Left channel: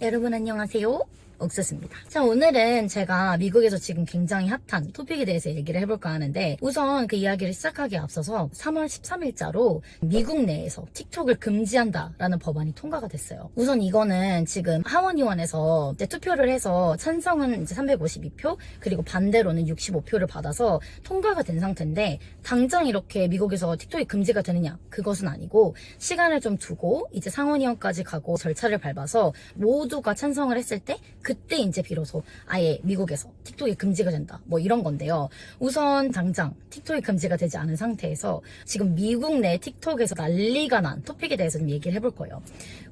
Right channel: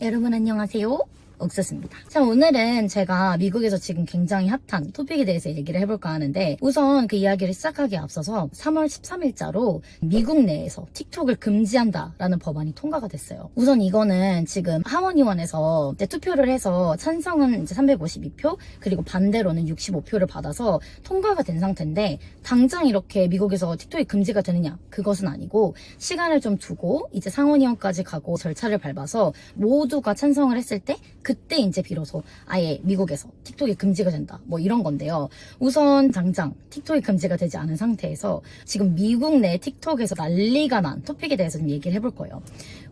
여러분 안녕하세요. 옥수수입니다. 자, 오늘은 제가 미국에서 지금 굉장히 핫한 토픽에 대해서 얘기를 해볼까 하는데 우선 그 이야기를 시작하기에 앞서서 3월 13일자로 미국 내에서 틱톡을 금지한다라는 법안이 통과가 됐어요. 우선 이거는 지금 하원의원에서 투표를 해서 찬성은 이제 352표 그리고 반대로는 65표를 받아서 통과가 된 상태인데 당장 이렇게 미국에서 틱톡이 금지가 되느냐 그것은 아니고 시간을 좀 두고 이제 상원의원까지 가고 절차를 밟아서 모두가 찬성을 했을 때그 때 이제 비로소 아예 미국에서 틱톡이 금지가 된다. 뭐 이런 건데요. 우선 당장 틱톡이 금지가 되지 않은 상태에서 지금 미국 내 틱톡에서 난리가 난 토픽에 대해서 좀 얘기를 해볼 거예요.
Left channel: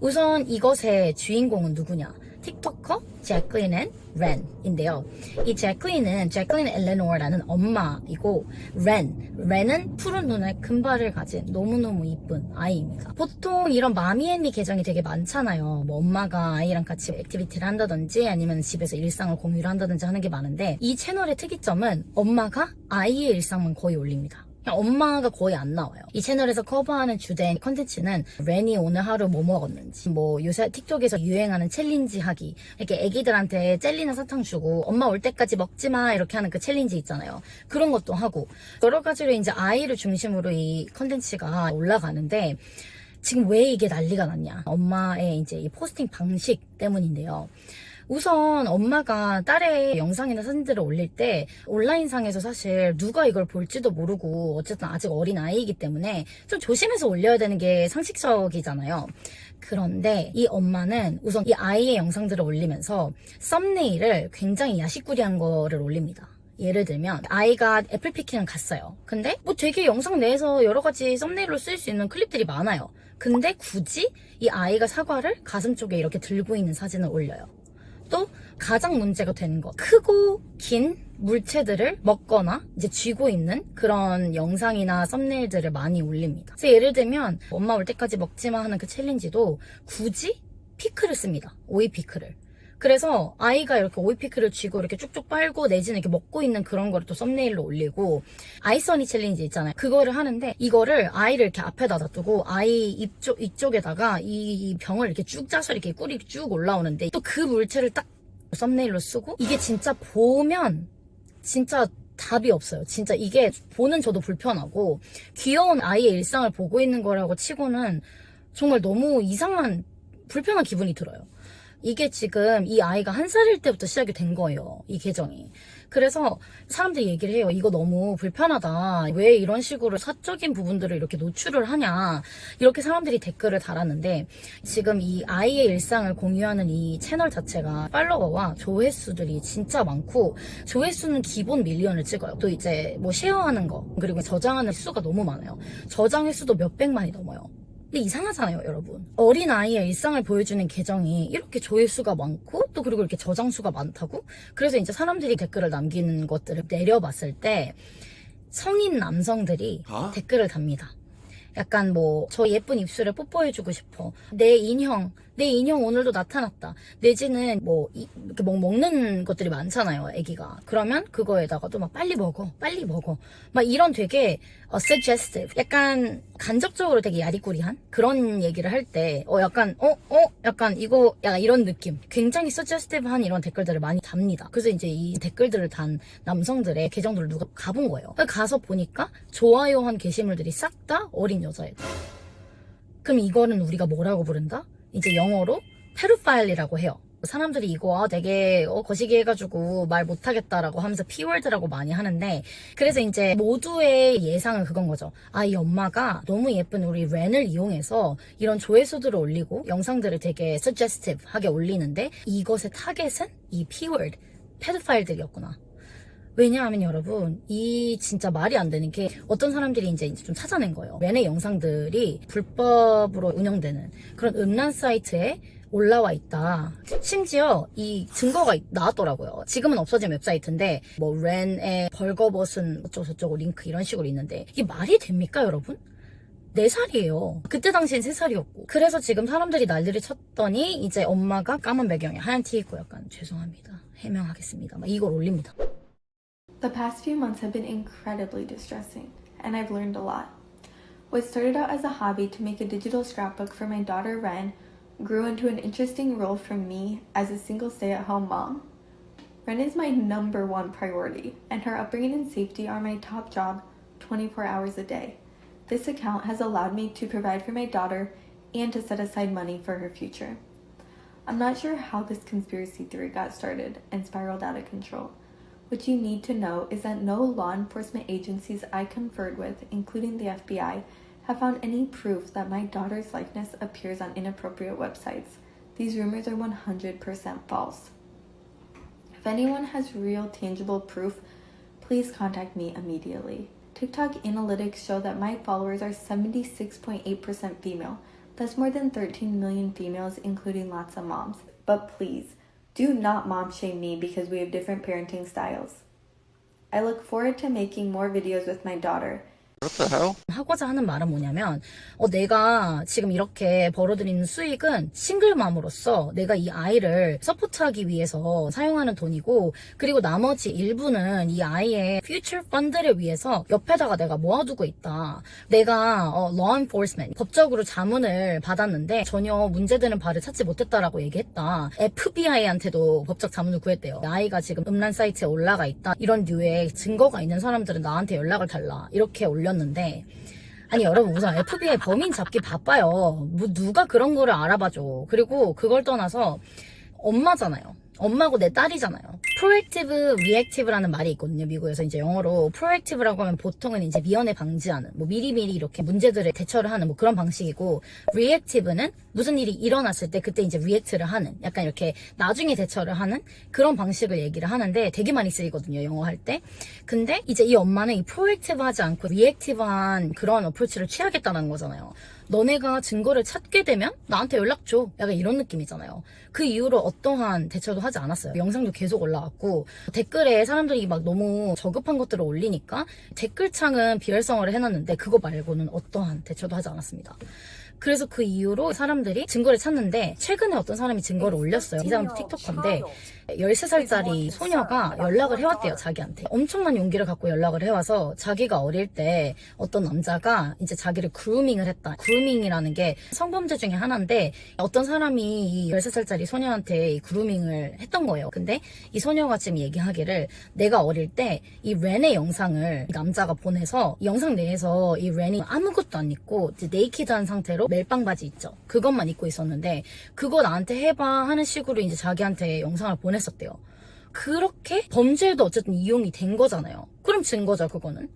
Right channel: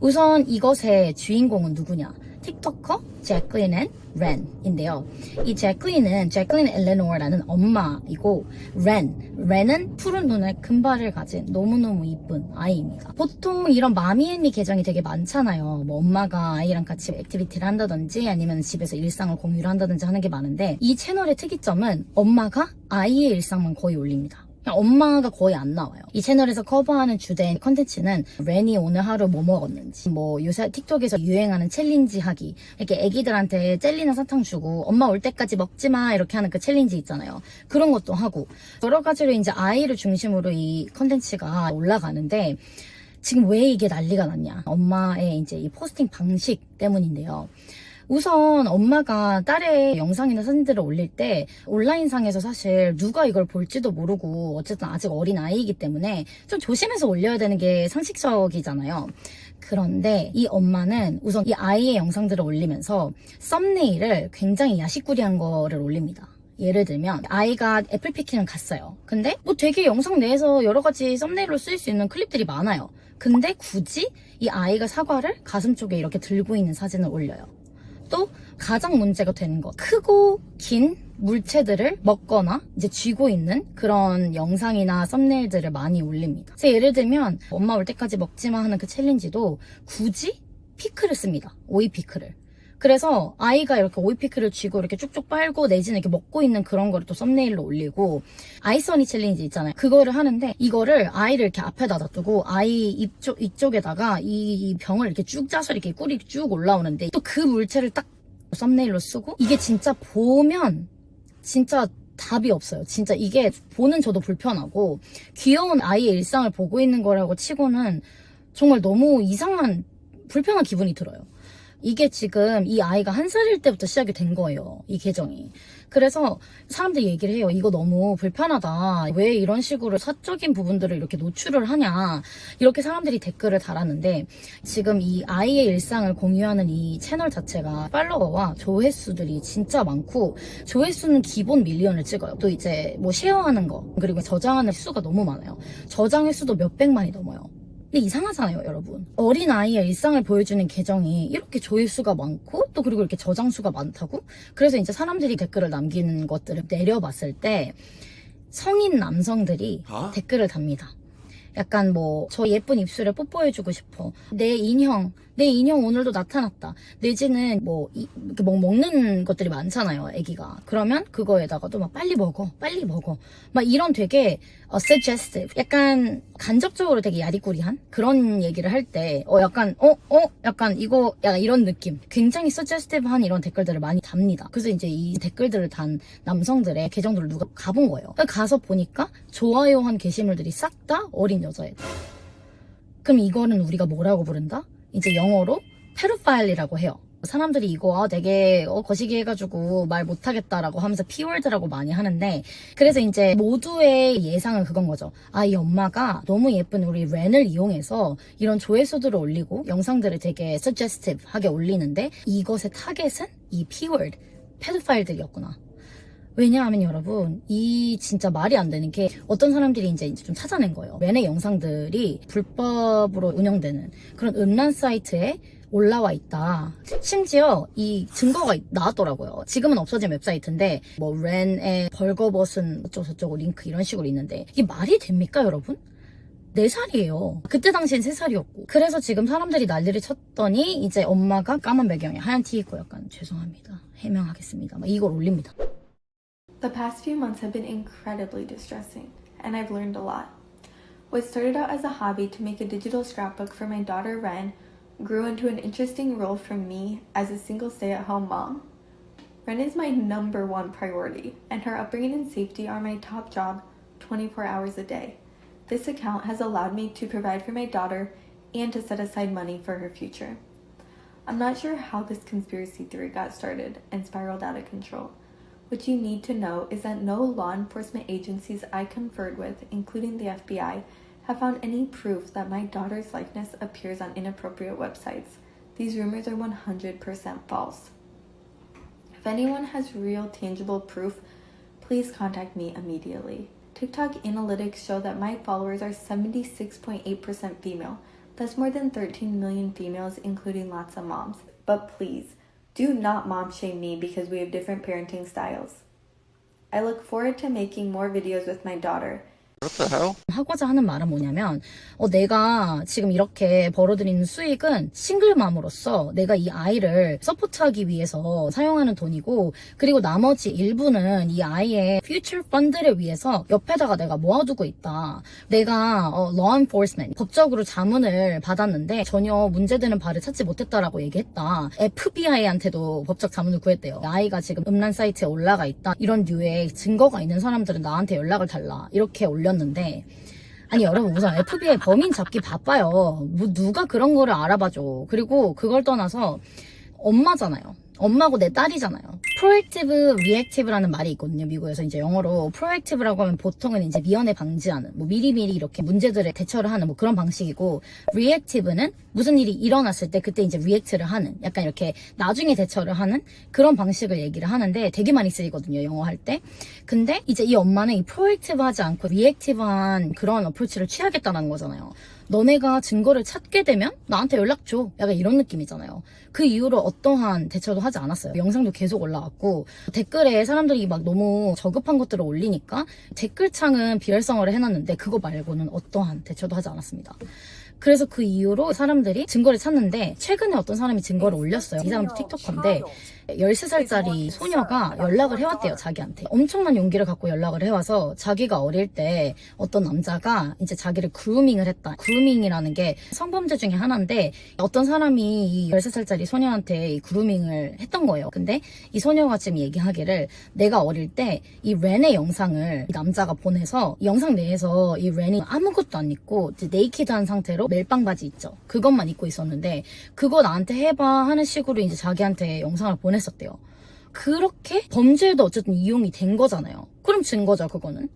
우선 이것의 주인공은 누구냐 틱토커 제클린 앤 렌인데요. 이 제클린은 제클린 엘레노어라는 엄마이고 렌, 렌은 푸른 눈에 금발을 가진 너무너무 이쁜 아이입니다. 보통 이런 마미앤미 계정이 되게 많잖아요. 뭐 엄마가 아이랑 같이 액티비티를 한다든지 아니면 집에서 일상을 공유를 한다든지 하는 게 많은데 이 채널의 특이점은 엄마가 아이의 일상만 거의 올립니다. 엄마가 거의 안 나와요. 이 채널에서 커버하는 주된 컨텐츠는 렌이 오늘 하루 뭐 먹었는지, 뭐 요새 틱톡에서 유행하는 챌린지 하기, 이렇게 애기들한테 젤리나 사탕 주고 엄마 올 때까지 먹지 마 이렇게 하는 그 챌린지 있잖아요. 그런 것도 하고 여러 가지로 이제 아이를 중심으로 이 컨텐츠가 올라가는데 지금 왜 이게 난리가 났냐? 엄마의 이제 이 포스팅 방식 때문인데요. 우선 엄마가 딸의 영상이나 사진들을 올릴 때 온라인상에서 사실 누가 이걸 볼지도 모르고 어쨌든 아직 어린 아이이기 때문에 좀 조심해서 올려야 되는 게 상식적이잖아요. 그런데 이 엄마는 우선 이 아이의 영상들을 올리면서 썸네일을 굉장히 야식꾸리한 거를 올립니다. 예를 들면 아이가 애플 피킹을 갔어요. 근데 뭐 되게 영상 내에서 여러 가지 썸네일로 쓸 수 있는 클립들이 많아요. 근데 굳이 이 아이가 사과를 가슴 쪽에 이렇게 들고 있는 사진을 올려요. 또 가장 문제가 되는 것 크고 긴 물체들을 먹거나 이제 쥐고 있는 그런 영상이나 썸네일들을 많이 올립니다. 그래서 예를 들면 엄마 올 때까지 먹지마 하는 그 챌린지도 굳이 피클을 씁니다. 오이 피클을. 그래서 아이가 이렇게 오이 피클을 쥐고 이렇게 쭉쭉 빨고 내지는 이렇게 먹고 있는 그런 거를 또 썸네일로 올리고 아이서니 챌린지 있잖아요. 그거를 하는데 이거를 아이를 이렇게 앞에다 놔두고 아이 입쪽 이쪽에다가 이, 이 병을 이렇게 쭉 짜서 이렇게 꿀이 쭉 올라오는데 또 그 물체를 딱 썸네일로 쓰고 이게 진짜 보면 진짜 답이 없어요. 진짜 이게 보는 저도 불편하고 귀여운 아이의 일상을 보고 있는 거라고 치고는 정말 너무 이상한 불편한 기분이 들어요. 이게 지금 이 아이가 한 살일 때부터 시작이 된 거예요. 이 계정이. 그래서 사람들이 얘기를 해요. 이거 너무 불편하다. 왜 이런 식으로 사적인 부분들을 이렇게 노출을 하냐. 이렇게 사람들이 댓글을 달았는데 지금 이 아이의 일상을 공유하는 이 채널 자체가 팔로워와 조회수들이 진짜 많고 조회수는 기본 밀리언을 찍어요. 또 이제 뭐 쉐어하는 거 그리고 저장하는 수가 너무 많아요. 저장 횟수도 몇백만이 넘어요. 근데 이상하잖아요, 여러분. 어린 아이의 일상을 보여주는 계정이 이렇게 조회수가 많고 또 그리고 이렇게 저장수가 많다고? 그래서 이제 사람들이 댓글을 남기는 것들을 내려봤을 때 성인 남성들이 어? 댓글을 답니다. 약간 뭐 저 예쁜 입술에 뽀뽀해주고 싶어. 내 인형, 내 인형 오늘도 나타났다. 내지는 뭐 이- 이렇게 뭐 먹는 것들이 많잖아요, 아기가. 그러면 그거에다가도 막 빨리 먹어, 빨리 먹어. 막 이런 되게 어, suggestive, 약간 간접적으로 되게 야리꾸리한 그런 얘기를 할 때, 어, 약간, 어, 어, 약간 이거, 약간 이런 느낌. 굉장히 suggestive한 이런 댓글들을 많이 답니다. 그래서 이제 이 댓글들을 단 남성들의 계정들을 누가 가본 거예요. 가서 보니까 좋아요 한 게시물들이 싹 다 어린 여자애들. 그럼 이거는 우리가 뭐라고 부른다? 이제 영어로 페루파일이라고 해요. 사람들이 이거 아, 되게 어, 거시기 해가지고 말 못하겠다라고 하면서 P월드라고 많이 하는데 그래서 이제 모두의 예상은 그건 거죠. 아 이 엄마가 너무 예쁜 우리 렌을 이용해서 이런 조회수들을 올리고 영상들을 되게 suggestive하게 올리는데 이것의 타겟은 이 P월드 페도파일들이었구나. 왜냐하면 여러분 이 진짜 말이 안 되는 게 어떤 사람들이 이제 좀 찾아낸 거예요. 렌의 영상들이 불법으로 운영되는 그런 음란 사이트에 올라와 있다. 심지어 이 증거가 있- 나왔더라고요. 지금은 없어진 웹사이트인데 뭐 렌의 벌거벗은 어쩌고저쩌고 링크 이런 식으로 있는데 이게 말이 됩니까 여러분? 4살이에요. 그때 당시엔 3살이었고. 그래서 지금 사람들이 난리를 쳤더니 이제 엄마가 까만 배경에 하얀 티 입고 약간 죄송합니다. 해명하겠습니다. 막 이걸 올립니다. The past few months have been incredibly distressing, and I've learned a lot. What started out as a hobby to make a digital scrapbook for my daughter Ren grew into an interesting role for me as a single stay at home mom. Ren is my number one priority, and her upbringing and safety are my top job 24 hours a day. This account has allowed me to provide for my daughter and to set aside money for her future. I'm not sure how this conspiracy theory got started and spiraled out of control. What you need to know is that no law enforcement agencies I conferred with, including the FBI, have found any proof that my daughter's likeness appears on inappropriate websites. These rumors are 100% false. If anyone has real tangible proof, please contact me immediately. TikTok analytics show that my followers are 76.8% female. That's more than 13 million females, including lots of moms. But please, do not mom shame me because we have different parenting styles. I look forward to making more videos with my daughter. 하고자 하는 말은 뭐냐면 어, 내가 지금 이렇게 벌어들이는 수익은 싱글맘으로서 내가 이 아이를 서포트하기 위해서 사용하는 돈이고 그리고 나머지 일부는 이 아이의 퓨처 펀드를 위해서 옆에다가 내가 모아두고 있다. 내가 어, law enforcement 법적으로 자문을 받았는데 전혀 문제되는 바를 찾지 못했다라고 얘기했다. FBI한테도 법적 자문을 구했대요. 아이가 지금 음란 사이트에 올라가 있다. 이런 류의 증거가 있는 사람들은 나한테 연락을 달라. 이렇게 올 렸는데 아니 여러분 우선 FBI 범인 잡기 바빠요. 뭐 누가 그런 거를 알아봐줘. 그리고 그걸 떠나서 엄마잖아요. 엄마고 내 딸이잖아요. proactive, reactive라는 말이 있거든요. 미국에서 이제 영어로 proactive라고 하면 보통은 이제 미연에 방지하는, 뭐 미리미리 이렇게 문제들에 대처를 하는 뭐 그런 방식이고 reactive는 무슨 일이 일어났을 때 그때 이제 react를 하는, 약간 이렇게 나중에 대처를 하는 그런 방식을 얘기를 하는데 되게 많이 쓰이거든요. 영어 할 때. 근데 이제 이 엄마는 이 proactive하지 않고 reactive한 그런 어프로치를 취하겠다는 거잖아요. 너네가 증거를 찾게 되면 나한테 연락 줘. 약간 이런 느낌이잖아요. 그 이후로 어떠한 대처도 하지 않았어요. 영상도 계속 올라왔고 댓글에 사람들이 막 너무 저급한 것들을 올리니까 댓글창은 비활성화를 해놨는데 그거 말고는 어떠한 대처도 하지 않았습니다. 그래서 그 이후로 사람들이 증거를 찾는데 최근에 어떤 사람이 증거를 올렸어요. 이 사람도 틱톡커인데 13살짜리 소녀가 연락을 해왔대요, 자기한테. 엄청난 용기를 갖고 연락을 해와서 자기가 어릴 때 어떤 남자가 이제 자기를 그루밍을 했다. 그루밍이라는 게 성범죄 중에 하나인데 어떤 사람이 이 13살짜리 소녀한테 이 그루밍을 했던 거예요. 근데 이 소녀가 지금 얘기하기를 내가 어릴 때 이 렌의 영상을 이 남자가 보내서 이 영상 내에서 이 렌이 아무것도 안 입고 이제 네이키드한 상태로 멜빵 바지 있죠. 그것만 입고 있었는데 그거 나한테 해봐 하는 식으로 이제 자기한테 영상을 보 냈었대요. 그렇게 범죄에도 어쨌든 이용이 된 거잖아요. 그럼 증거죠, 그거는.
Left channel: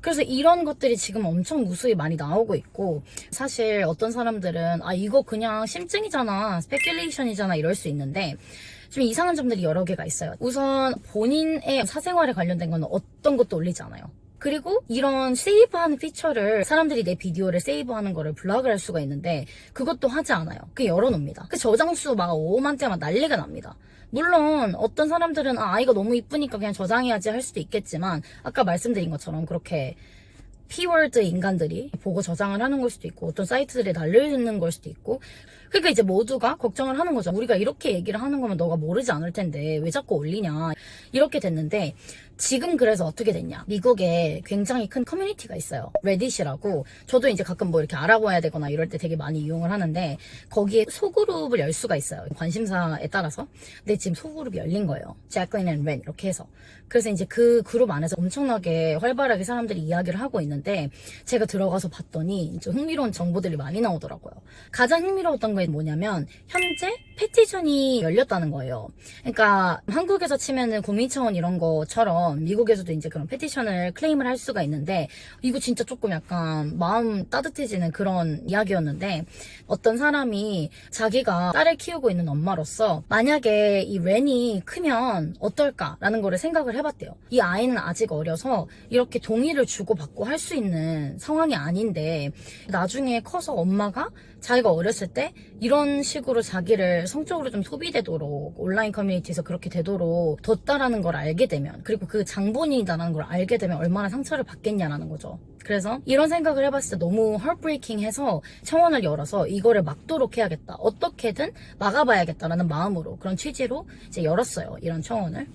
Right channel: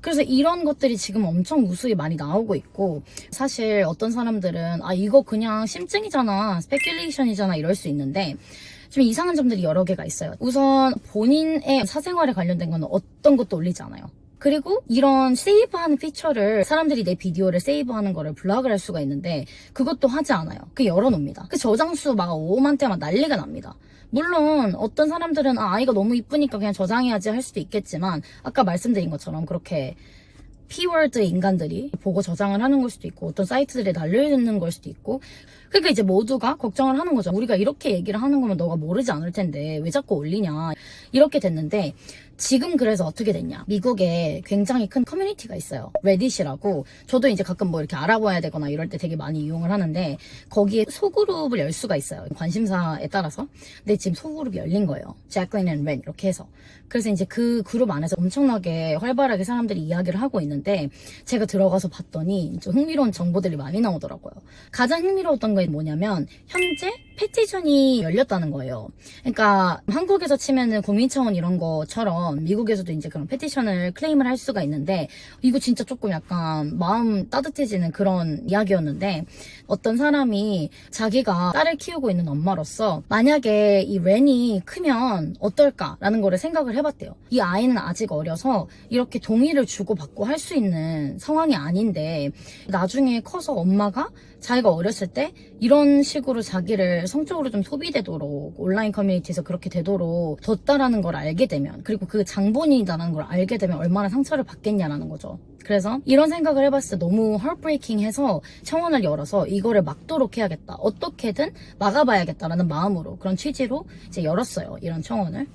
그래서 이런 것들이 지금 엄청 무수히 많이 나오고 있고 사실 어떤 사람들은 아 이거 그냥 심증이잖아 스페큘레이션이잖아 이럴 수 있는데 좀 이상한 점들이 여러 개가 있어요 우선 본인의 사생활에 관련된 거는 어떤 것도 올리지 않아요 그리고 이런 세이브하는 피처를 사람들이 내 비디오를 세이브하는 거를 블락을 할 수가 있는데 그것도 하지 않아요. 그 열어놓습니다. 그 저장수 막 5만 대 막 난리가 납니다. 물론 어떤 사람들은 아, 아이가 너무 이쁘니까 그냥 저장해야지 할 수도 있겠지만 아까 말씀드린 것처럼 그렇게 피워드 인간들이 보고 저장을 하는 걸 수도 있고 어떤 사이트들이 날리는 걸 수도 있고 그러니까 이제 모두가 걱정을 하는 거죠. 우리가 이렇게 얘기를 하는 거면 너가 모르지 않을 텐데 왜 자꾸 올리냐 이렇게 됐는데 지금 그래서 어떻게 됐냐? 미국에 굉장히 큰 커뮤니티가 있어요. 레딧이라고. 저도 이제 가끔 뭐 이렇게 알아봐야 되거나 이럴 때 되게 많이 이용을 하는데 거기에 소그룹을 열 수가 있어요. 관심사에 따라서. 근데 지금 소그룹이 열린 거예요. 제클린 앤렌 이렇게 해서. 그래서 이제 그 그룹 안에서 엄청나게 활발하게 사람들이 이야기를 하고 있는데 제가 들어가서 봤더니 좀 흥미로운 정보들이 많이 나오더라고요. 가장 흥미로웠던 건 뭐냐면 현재 페티션이 열렸다는 거예요. 그러니까 한국에서 치면은 국민청원 이런 것처럼 미국에서도 이제 그런 페티션을 클레임을 할 수가 있는데 이거 진짜 조금 약간 마음 따뜻해지는 그런 이야기였는데 어떤 사람이 자기가 딸을 키우고 있는 엄마로서 만약에 이 렌이 크면 어떨까라는 거를 생각을 해봤대요. 이 아이는 아직 어려서 이렇게 동의를 주고받고 할 수 있는 상황이 아닌데 나중에 커서 엄마가 자기가 어렸을 때 이런 식으로 자기를 성적으로 좀 소비되도록 온라인 커뮤니티에서 그렇게 되도록 뒀다라는 걸 알게 되면 그리고 그 장본인이다라는 걸 알게 되면 얼마나 상처를 받겠냐라는 거죠. 그래서 이런 생각을 해봤을 때 너무 헐브레이킹해서 청원을 열어서 이거를 막도록 해야겠다. 어떻게든 막아봐야겠다라는 마음으로 그런 취지로 이제 열었어요. 이런 청원을.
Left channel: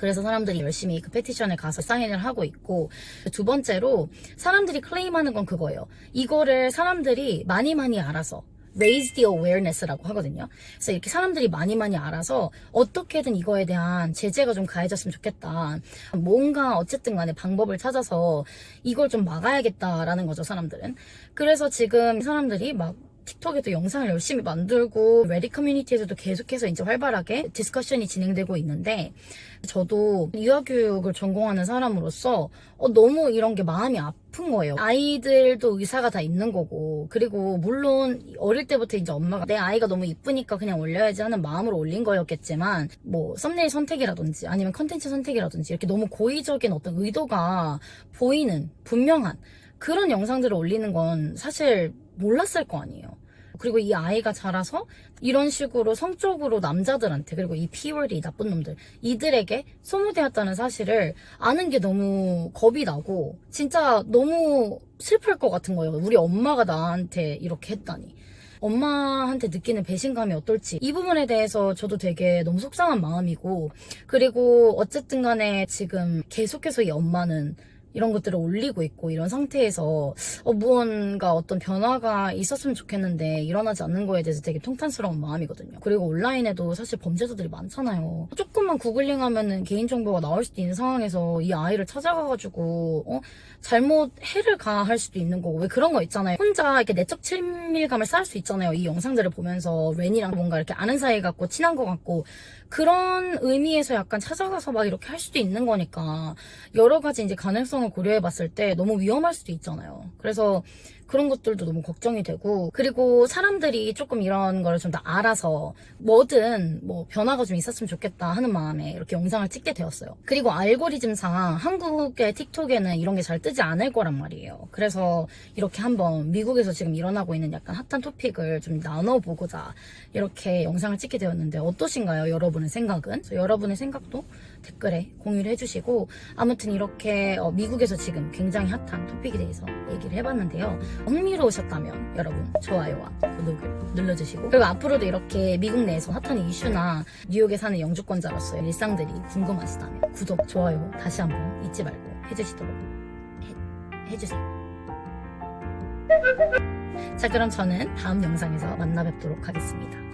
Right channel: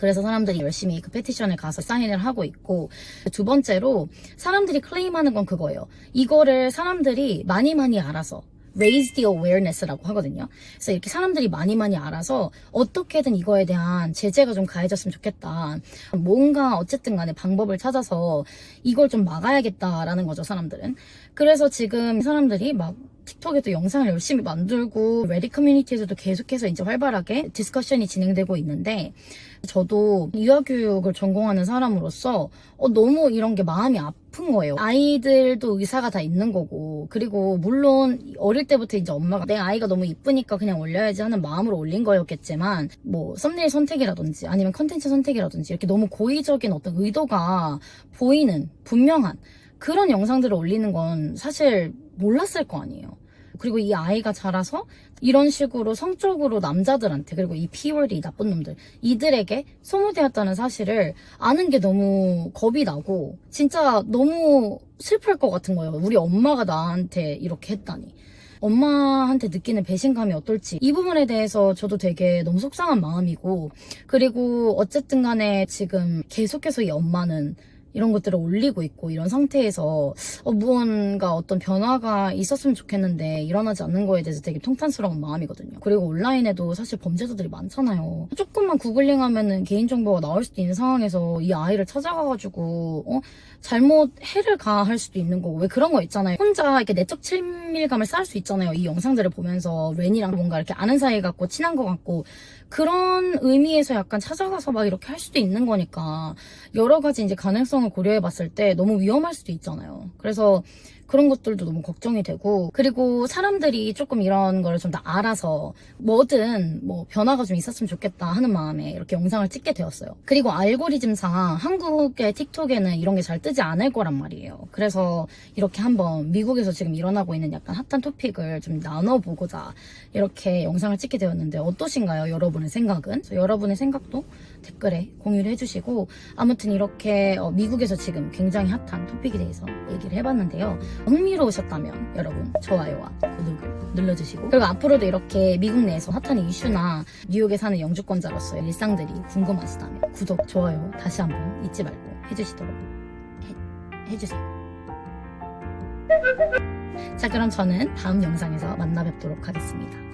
그래서 사람들이 열심히 그 페티션에 가서 사인을 하고 있고 두 번째로 사람들이 클레임하는 건 그거예요. 이거를 사람들이 많이 많이 알아서 raise the awareness라고 하거든요. 그래서 이렇게 사람들이 많이 많이 알아서 어떻게든 이거에 대한 제재가 좀 가해졌으면 좋겠다. 뭔가 어쨌든 간에 방법을 찾아서 이걸 좀 막아야겠다라는 거죠, 사람들은. 그래서 지금 사람들이 막 틱톡에도 영상을 열심히 만들고 레디 커뮤니티에서도 계속해서 이제 활발하게 디스커션이 진행되고 있는데 저도 유아교육을 전공하는 사람으로서 어, 너무 이런 게 마음이 아픈 거예요. 아이들도 의사가 다 있는 거고 그리고 물론 어릴 때부터 이제 엄마가 내 아이가 너무 이쁘니까 그냥 올려야지 하는 마음으로 올린 거였겠지만 뭐 썸네일 선택이라든지 아니면 컨텐츠 선택이라든지 이렇게 너무 고의적인 어떤 의도가 보이는 분명한 그런 영상들을 올리는 건 사실 몰랐을 거 아니에요. 그리고 이 아이가 자라서 이런 식으로 성적으로 남자들한테 그리고 이 P월드 이 나쁜 놈들 이들에게 소모되었다는 사실을 아는 게 너무 겁이 나고 진짜 너무 슬플 것 같은 거예요. 우리 엄마가 나한테 이렇게 했다니. 엄마한테 느끼는 배신감이 어떨지 이 부분에 대해서 저도 되게 너무 속상한 마음이고 그리고 어쨌든 간에 지금 계속해서 이 엄마는 이런 것들을 올리고 있고 이런 상태에서 어, 무언가 어떤 변화가 있었으면 좋겠는데 일어나지 않는 거에 대해서 되게 통탄스러운 마음이거든요. 그리고 온라인에도 사실 범죄자들이 많잖아요. 조금만 구글링 하면은 개인정보가 나올 수도 있는 상황에서 이 아이를 찾아가가지고 어? 잘못 해를 가할 수도 있는 거고 왜 그런 거 있잖아요. 혼자 이렇게 내적 친밀감을 쌓을 수 있잖아요. 이 영상들을 보면서 렌이랑 뭔가 이렇게 아는 사이 같고 친한 것 같고 그런 의미에서 약간 찾아가서 막 이렇게 할 수도 있는 거니까 여러 가지 이제 가능성 을 고려해 봤을 때 너무 위험할 수도 있잖아요. 그래서 그런 것들도 너무 걱정이 되고 그리고 사람들이 조금 이런 걸좀더 알아서 뭐든 뭐 변화가 좀 있었으면 좋겠다 하는 마음에 이렇게 영상을 찍게 되었어요. 그리고 알고리즘상 한국의 틱톡에는 이런 게 잘 뜨지 않을 거란 말이에요. 그래서 이렇게 한번 미국에서 지금 일어나고 있는 약간 핫한 토픽을 좀 나눠보고자 이렇게 영상을 찍게 되었는데 어떠신가요? 여러분의 생각은? 여러분의 생각도 댓글에 공유를 해주시고 아무튼 이렇게 어, 미국에서 지금 굉장히 핫한 토픽에 대해서 얘기를 해봤는데요. 흥미로우셨다면 여러분 좋아요와 구독을 눌러주시고 그리고 앞으로도 이렇게 미국 내에서 핫한 이슈나 뉴욕에 사는 영주권자로서의 일상들이 궁금하시다면 구독, 좋아요 다시 한번 잊지 말고 해주시도록 해, 해주세요. 자 그럼 저는 다음 영상에서 만나 뵙도록 하겠습니다.